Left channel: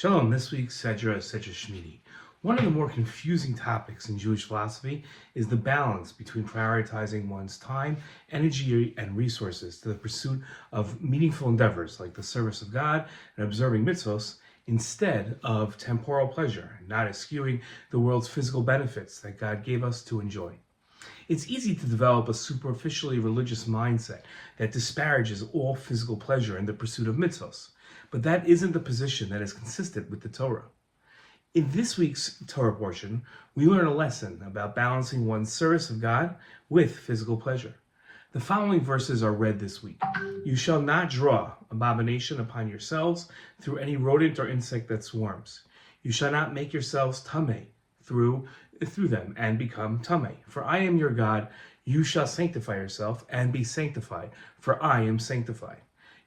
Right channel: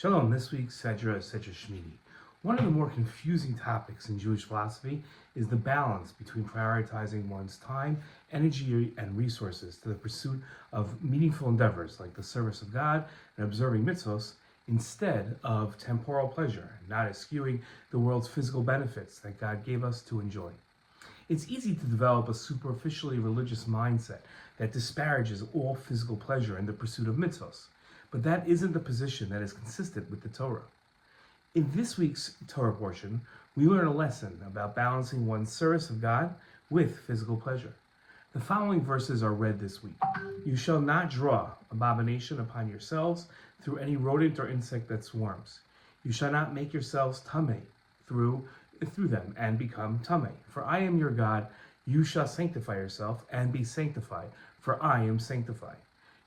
Shalom, this week's Sedra Shemini. One of the more confusing topics in Jewish philosophy is the balance between prioritizing one's time, energy, and resources to the pursuit of meaningful endeavors like the service of God and observing mitzvos instead of temporal pleasure, not eschewing the world's physical benefits that God gave us to enjoy. It's easy to develop a superficially religious mindset that disparages all physical pleasure in the pursuit of mitzvos, but that isn't the position that is consistent with the Torah. In this week's Torah portion, we learn a lesson about balancing one's service of God with physical pleasure. The following verses are read this week. You shall not draw abomination upon yourselves through any rodent or insect that swarms. You shall not make yourselves tameh through them and become tameh. For I am your God. You shall sanctify yourself and be sanctified, for I am sanctified.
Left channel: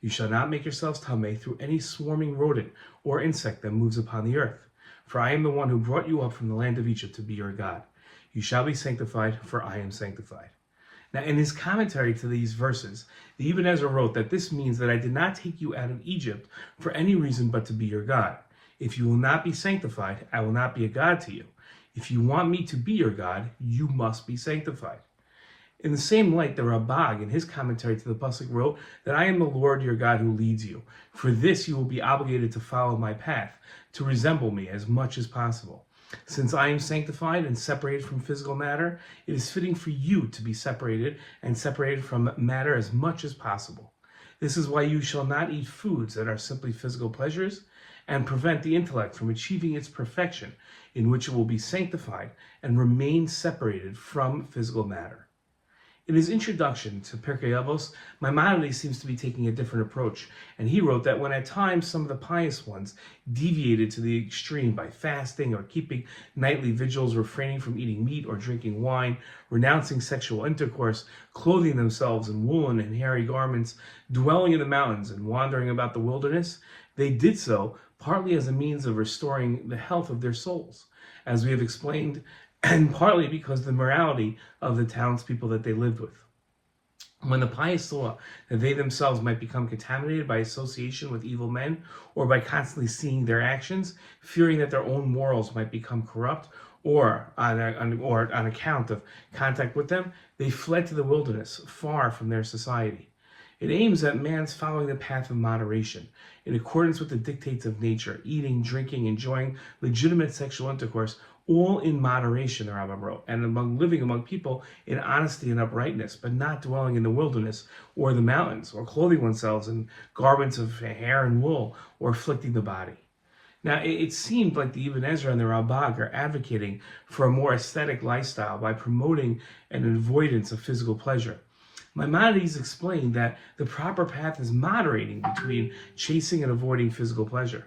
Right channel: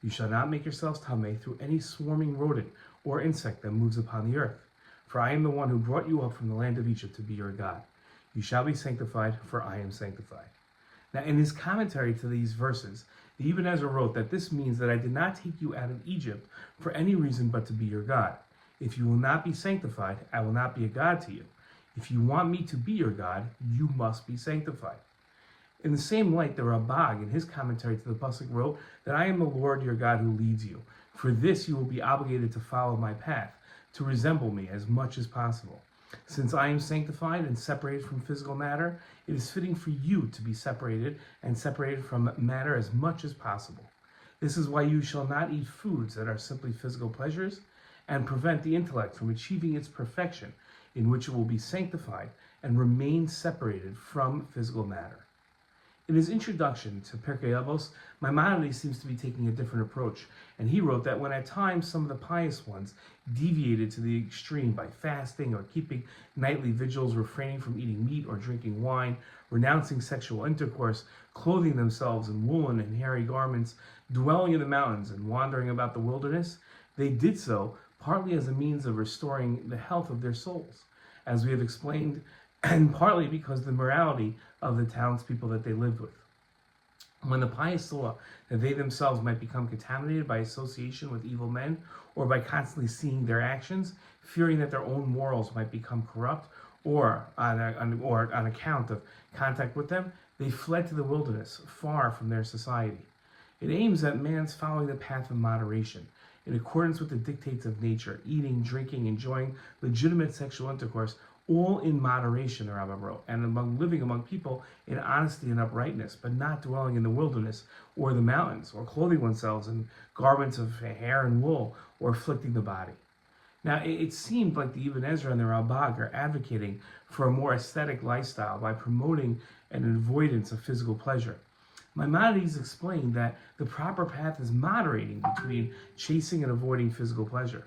You shall not make yourselves tameh through any swarming rodent or insect that moves upon the earth. For I am the one who brought you up from the land of Egypt to be your God. You shall be sanctified, for I am sanctified. Now, in his commentary to these verses, the Ibn Ezra wrote that this means that I did not take you out of Egypt for any reason but to be your God. If you will not be sanctified, I will not be a God to you. If you want me to be your God, you must be sanctified. In the same light, the Rabbag, in his commentary to the Pasuk, wrote that I am the Lord your God who leads you. For this you will be obligated to follow my path, to resemble me as much as possible. Since I am sanctified and separated from physical matter, it is fitting for you to be separated from matter as much as possible. This is why you shall not eat foods that are simply physical pleasures, and prevent the intellect from achieving its perfection, in which it will be sanctified and remain separated from physical matter. In his introduction to Pirkei Avos, Maimonides seems to be taking a different approach, and he wrote that when at times some of the pious ones deviated to the extreme by fasting or keeping nightly vigils, refraining from eating meat or drinking wine, renouncing sexual intercourse, clothing themselves in woolen and hairy garments, dwelling in the mountains and wandering about the wilderness, they did so partly as a means of restoring the health of their souls, as we have explained, and partly because of the morality of the townspeople that they lived with. When the pious saw that they themselves might become contaminated by association with evil men, or by constantly seeing their actions, fearing that their own morals might become corrupt, or on account of contact with them, they fled to the wilderness, far from their society. It aims at man's following the path of moderation, in accordance with the dictates of nature, eating, drinking, enjoying legitimate sexual intercourse, all in moderation, the Rambam wrote, and living among people in honesty and uprightness, but not dwelling in the wilderness or the mountains, or clothing oneself in garments of hair and wool, or afflicting the body. Now, it seemed like the Ibn Ezra and the Rabbag are advocating for a more aesthetic lifestyle by promoting an avoidance of physical pleasure. Maimonides explained that the proper path is moderating between chasing and avoiding physical pleasure.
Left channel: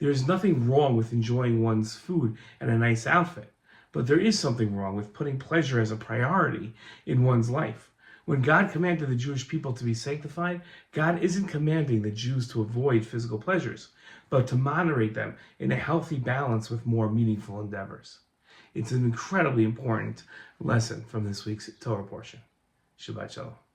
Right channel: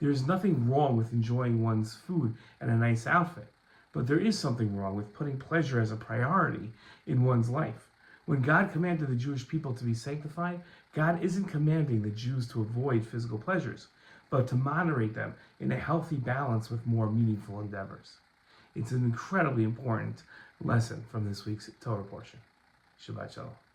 There is nothing wrong with enjoying one's food and a nice outfit, but there is something wrong with putting pleasure as a priority in one's life. When God commanded the Jewish people to be sanctified, God isn't commanding the Jews to avoid physical pleasures, but to moderate them in a healthy balance with more meaningful endeavors. It's an incredibly important lesson from this week's Torah portion. Shabbat Shalom.